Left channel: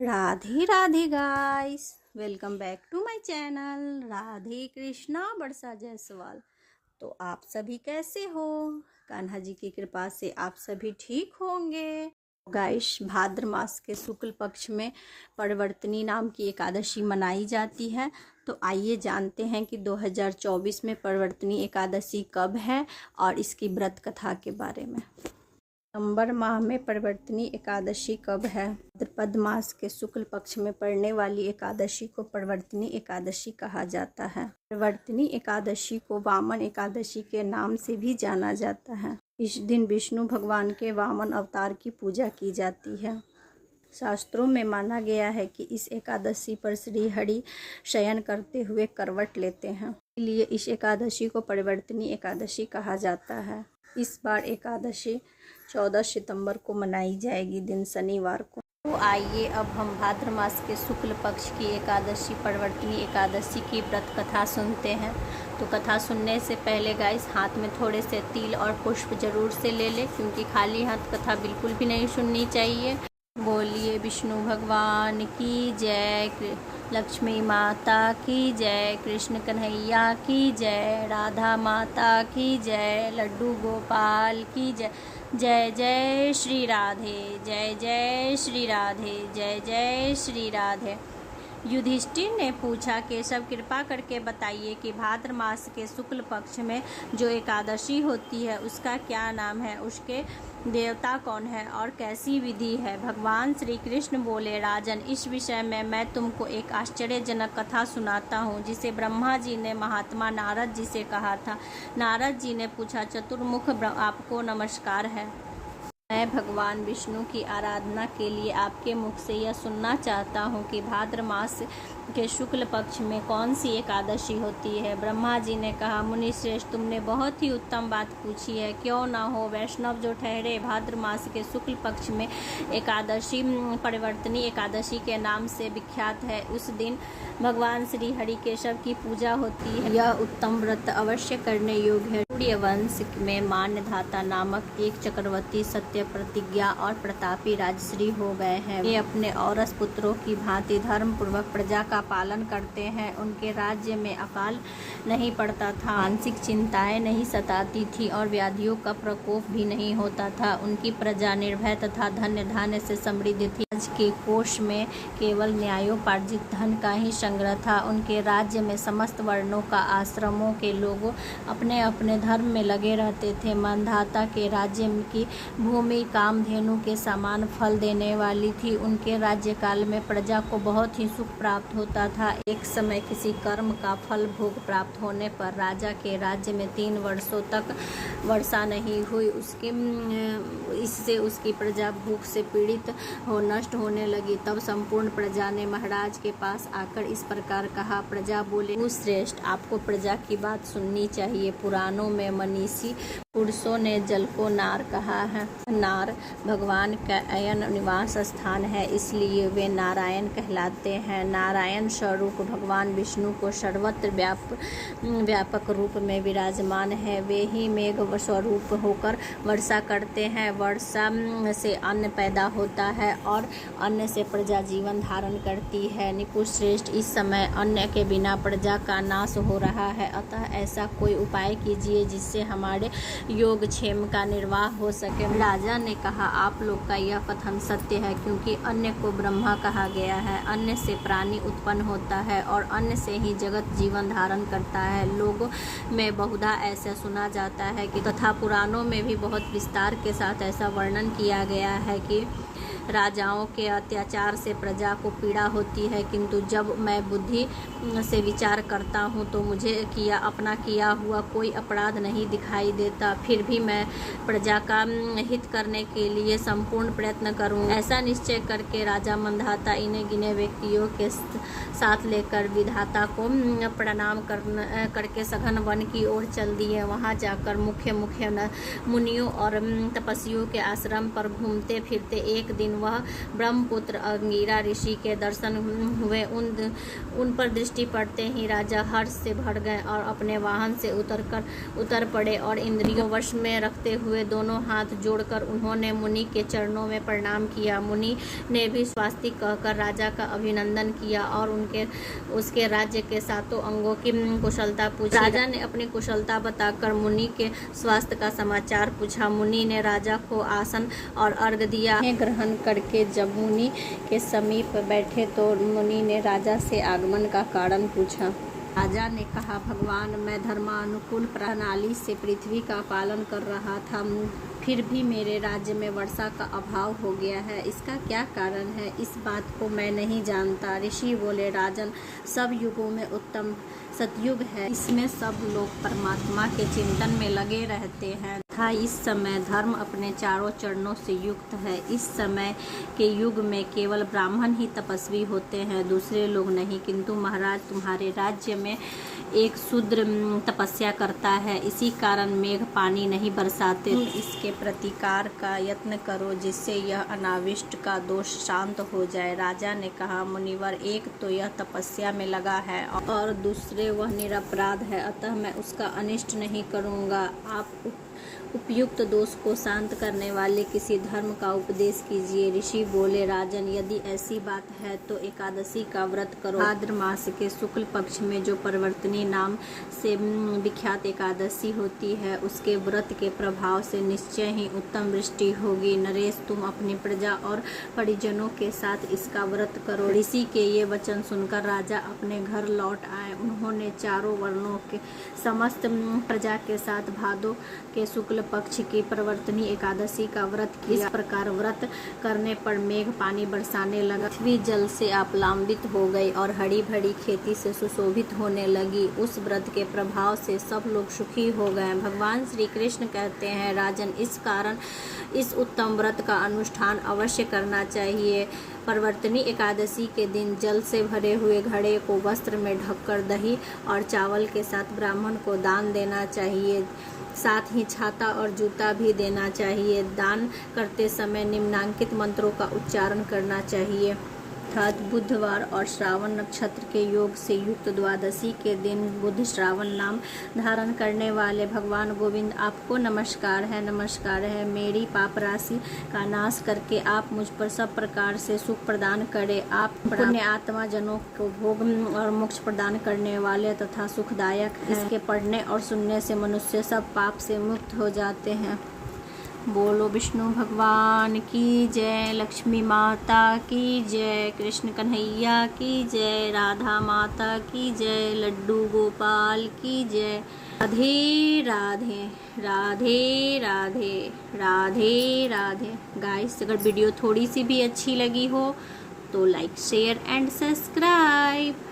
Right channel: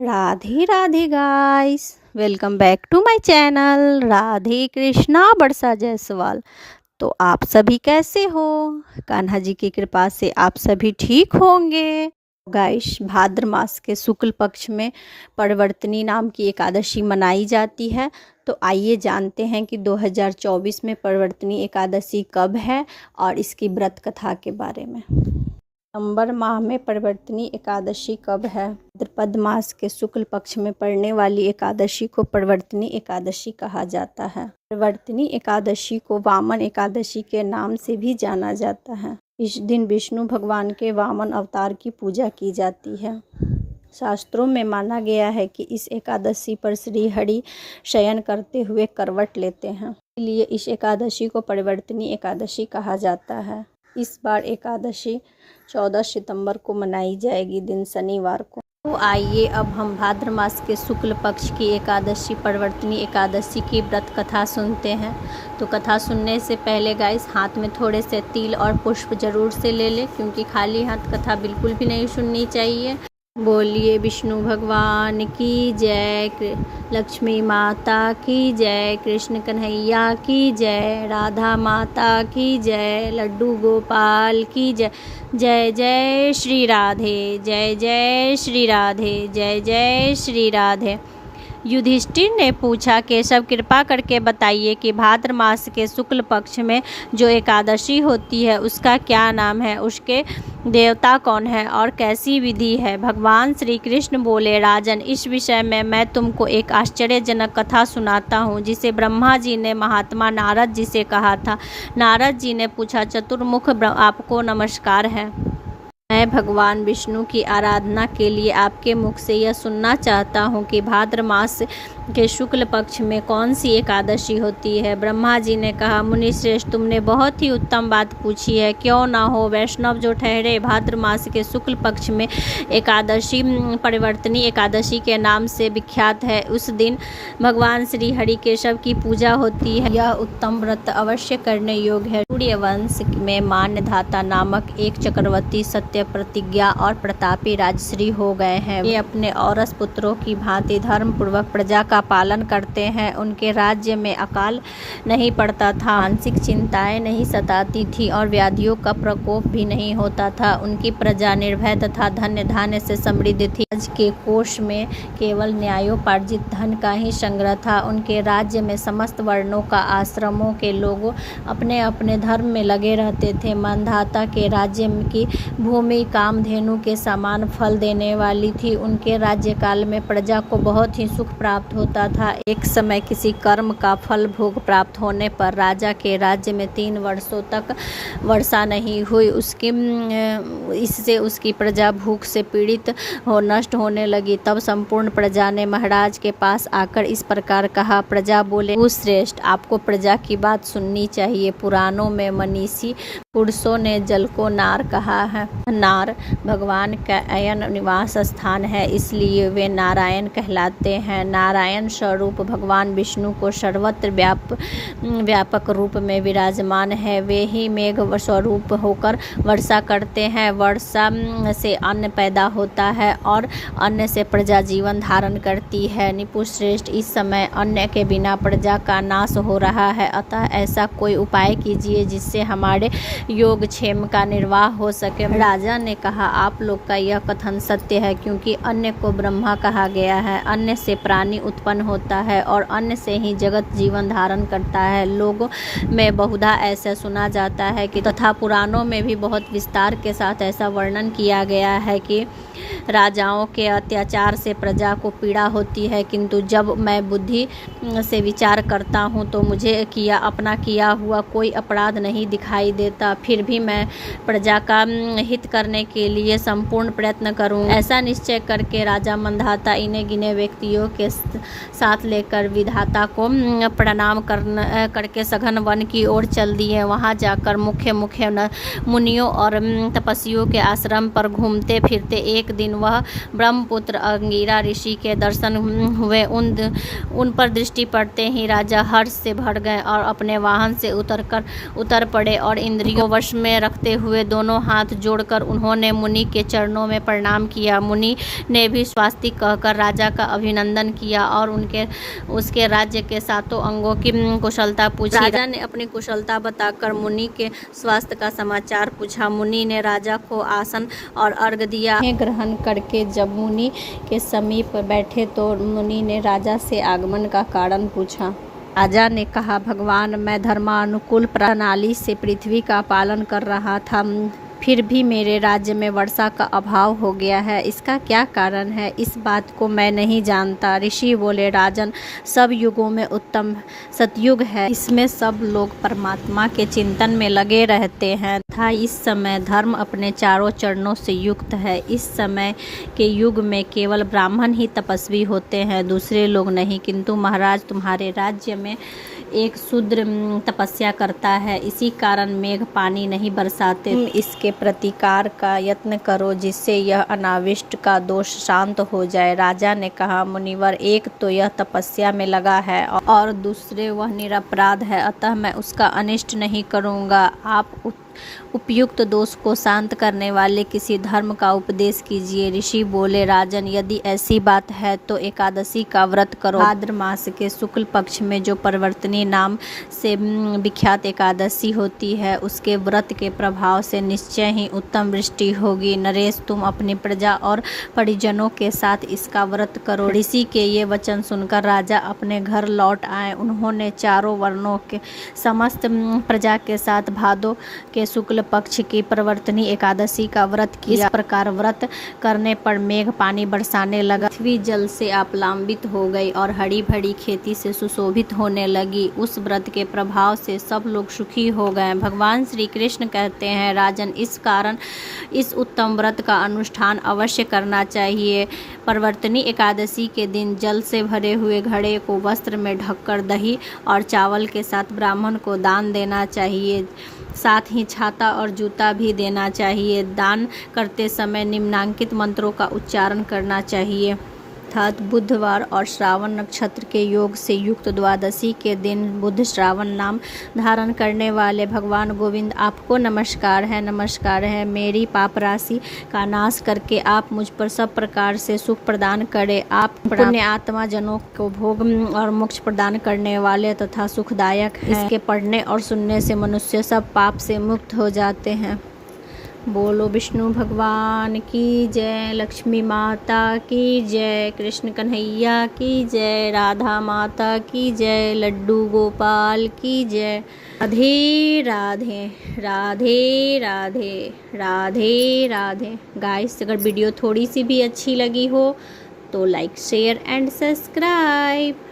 Radhe Radhe guys, welcome back to my channel Radhe Krishna Barsa Jaiswal. तो आप सभी कैसे हो? कान्हा जी की कृपा से आप सभी ठीक होंगे। गाइस, भाद्र मास के शुक्ल पक्ष में परवर्तनी नाम की एकादशी मनाई जाती है। तो आइए जानते हैं कि 2024 में परवर्तनी एकादशी कब है और इसकी व्रत कथा के बारे में। नवंबर माह में परवर्तनी एकादशी कब है? भाद्रपद मास के शुक्ल पक्ष में पड़ने वाली एकादशी को परवर्तनी एकादशी कहा जाता है। परवर्तनी एकादशी को वामन एकादशी के नाम से भी जाना जाता है। इस दिन विष्णु भगवान के वामन अवतार की पूजा की जाती है। शास्त्रों में माना गया है कि इस एकादशी पर श्री हरि शयन करते हुए करवट लेते हैं, इसलिए इस एकादशी को परवर्तनी एकादशी कहा जाता है। इस बार एकादशी 14 सितंबर को मनाई जाएगी, दिन शनिवार को। तो आइए अब हम भाद्र मास के शुक्ल पक्ष की एकादशी परवर्तनी एकादशी की व्रत कथा सुनते हैं। तो कथा सुनने से पहले गाइस, हाथ में थोड़े से तिल और पुष्प जरूर से ले लें, क्योंकि खाली हाथ कथा बिल्कुल भी नहीं सुननी चाहिए। बोलिए विष्णु भगवान की जय, लक्ष्मी माता की जय, कृष्ण कन्हैया की जय, राधा माता की जय, लड्डू गोपाल की जय। जय जय श्री राधे, जय जय श्री राधे, जय जय श्री राधे। युधिष्ठिर ने पूछा, केशव कृपा करके बताइए कि भाद्र मास के शुक्ल पक्ष में जो एकादशी होती है उसका क्या नाम है, उसके देवता कौन है और कैसी विधि है? भगवान श्री कृष्ण बोले, राजन, इस विषय में मैं तुमको एक आश्चर्यजनक कथा सुनाता हूँ, जिसे ब्रह्मा जी ने महात्मा नारद जी से कहा था। नारद जी ने पूछा, चतुर्मुख आपको नमस्कार है। मैं भगवान विष्णु की आराधना के लिए आपके मुख से यह सुनना चाहता हूँ कि भाद्र मास के शुक्ल पक्ष में कौन सी एकादशी होती है। ब्रह्मा जी ने कहा, मुनि श्रेष्ठ, तुमने बहुत ही उत्तम बात पूछी है। क्यों ना हो, वैष्णव जो ठहरे भाद्र मास के शुक्ल पक्ष में एकादशी परिवर्तनी एकादशी के नाम से विख्यात है। उस दिन भगवान श्री हरि केशव की पूजा होती है। यह उत्तम व्रत अवश्य करने योग्य है। सूर्यवंश में मान्यधाता नामक एक चक्रवर्ती सत्य प्रतिज्ञा और प्रतापी राजश्री हो गए हैं। ये अपने औरस पुत्रों की भांति धर्म पूर्वक प्रजा का पालन करते हैं। उनके राज्य में अकाल नहीं पड़ता था, मानसिक चिंताएं नहीं सताती थी और व्याधियों का प्रकोप भी नहीं होता था। उनकी प्रजा निर्भय तथा धन्य धान्य से समृद्ध थी। राज्य के कोष में केवल न्यायोपार्जित धन का ही संग्रह था। उनके राज्य में समस्त वर्णों का आश्रमों के लोग अपने अपने धर्म में लगे रहते थे। मानधाता के राज्य की भूमि कामधेनु के समान फल देने वाली थी। उनके राज्यकाल में प्रजा को बहुत ही सुख प्राप्त होता था। एक समय किसी कर्म का फल भोग प्राप्त होने पर राजा के राज्य में 3 वर्षों तक वर्षा नहीं हुई। इससे उसकी प्रजा भूख से पीड़ित हो नष्ट होने लगी। तब संपूर्ण प्रजा ने महाराज के पास आकर इस प्रकार कहा। प्रजा बोले, श्रेष्ठ, आपको प्रजा की बात सुननी चाहिए। पुराणों में मनीषी पुरुषों ने जल को नार कहा है। नार भगवान का अयन निवास स्थान है, इसलिए वे नारायण कहलाते हैं। नारायण स्वरूप भगवान विष्णु को सर्वत्र व्यापक रूप में विराजमान है। वे ही मेघ स्वरूप होकर वर्षा करते हैं। वर्षा से अन्न पैदा होता है और अन्न से प्रजा जीवन धारण करती है। निपुश्रेष्ठ, इस समय अन्न के बिना प्रजा का नाश हो रहा है, अतः ऐसा कोई उपाय कीजिए जिससे हमारे योगक्षेम का निर्वाह हो सके। राजा ने कहा, आप लोग का यह कथन सत्य है, क्योंकि अन्न को ब्रह्मा कहा गया है। अन्न से प्राणी उत्पन्न होता है और अन्न से ही जगत जीवन धारण करता है। लोगों में बहुधा ऐसा सुना जाता है कि तथा पुराणों में भी बहुत विस्तार के साथ ऐसा वर्णन किया गया है कि राजाओं के अत्याचार से प्रजा को पीड़ा होती है, किंतु जब मैं बुद्धि से विचार करता हूँ तो मुझे अपना किया हुआ कोई अपराध नहीं दिखाई देता। फिर भी मैं प्रजा का हित करने के लिए संपूर्ण प्रयत्न करूँ। ऐसा निश्चय करके राजा मंधाता इन्हें गिने व्यक्तियों के साथ लेकर विधाता को प्रणाम करके सघन वन की ओर चल दिए। वहाँ जाकर मुख्य मुनियों और तपस्वियों के आश्रम पर घूमते फिरते एक दिन वह ब्रह्मपुत्र अंगिरा ऋषि के दर्शन हुए। उन पर दृष्टि पड़ते ही राजा हर्ष से भर गए और अपने वाहन से उतर पड़े और इंद्रियों को वश में रखते हुए दोनों हाथ जोड़कर उन्होंने मुनि के चरणों में प्रणाम किया। मुनि ने भी स्वास्तिक कहकर राजा का अभिनंदन किया और उसके राज्य के सातों अंगों की कुशलता पूछी। राजा ने अपनी कुशलता बताकर मुनि के स्वास्थ्य का समाचार पूछा। मुनि ने राजा को आसन और अर्घ दिया। ग्रहण करके जब मुनि के समीप बैठे तो मुनि ने राजा से आगमन का कारण पूछा। राजा ने कहा, भगवान, मैं धर्मानुकूल प्रणाली से पृथ्वी का पालन कर रहा था, फिर भी मेरे राज्य में वर्षा का अभाव हो गया है। इसका क्या कारण है? इस बात को मैं नहीं जानता। ऋषि बोले, राजन, सब युगों में उत्तम सतयुग है। इसमें सब लोग परमात्मा के चिंतन में लगे रहते हैं तथा इस समय धर्म अपने चारों चरणों से युक्त है। इस समय के युग में केवल ब्राह्मण ही तपस्वी होते हैं, दूसरे लोग नहीं। किंतु महाराज, तुम्हारे राज्य में एक शूद्र तपस्या करता है, इसी कारण मेघ पानी नहीं बरसाते। इसके प्रतिकार का यत्न करो जिससे यह अनाविष्ट का दोष शांत हो जाए। राजा ने कहा, मुनिवर, एक तो यह तपस्या में लगा है और दूसरे वह निरपराध है, अतः मैं उसका अनिष्ट नहीं करूँगा। आप उपयुक्त दोष को शांत करने वाले किसी धर्म का उपदेश कीजिए। ऋषि बोले, राजन, यदि ऐसी बात है तो एकादशी का व्रत करो। भाद्र मास के शुक्ल पक्ष में जो परिवर्तनी नाम से विख्यात एकादशी होती है, उसके व्रत के प्रभाव से निश्चय ही उत्तम वृष्टि होगी। नरेश, तुम अपनी प्रजा और परिजनों के साथ इसका व्रत करो। ऋषि के ये वचन सुनकर राजा अपने घर लौट आए। उन्होंने चारों वर्णों के समस्त प्रजा के साथ भादो के शुक्ल पक्ष की परिवर्तनी एकादशी का व्रत किया। इस प्रकार व्रत करने पर मेघ पानी बरसाने लगा, पृथ्वी जल से आप्लावित हो गई और हरी भरी खेती से सुशोभित होने लगी। उस व्रत के प्रभाव से सब लोग सुखी हो गए। भगवान श्री कृष्ण कहते हैं, राजन, इस कारण इस उत्तम व्रत का अनुष्ठान अवश्य करना चाहिए। परिवर्तनी एकादशी के दिन जल से भरे हुए घड़े को वस्त्र में ढककर दही और चावल के साथ ब्राह्मण को दान देना चाहिए। साथ ही छाता और जूता भी देना चाहिए। दान करते समय निम्नांकित मंत्रों का उच्चारण करना चाहिए। अर्थात बुधवार और श्रावण नक्षत्र के योग से युक्त द्वादशी के दिन बुध श्रावण नाम धारण करने वाले भगवान गोविंद, आपको नमस्कार है। मेरी पाप राशि का नाश करके आप मुझ पर सब प्रकार से सुख प्रदान करें। आप पुण्य आत्मा जनों को भोग और मोक्ष प्रदान करने वाले तथा सुखदायक हैं। इसके पढ़ने और सुनने से मनुष्य सब पाप से मुक्त हो जाते हैं। बोलो विष्णु भगवान की जय, लक्ष्मी माता की जय, कृष्ण कन्हैया की जय, राधा माता की जय, लड्डू गोपाल की जय। राधे राधे राधे राधे राधे राधे। गाइस, अगर वीडियो थोड़ी सी भी अच्छी लगी हो तो लाइक, शेयर एंड सब्सक्राइब।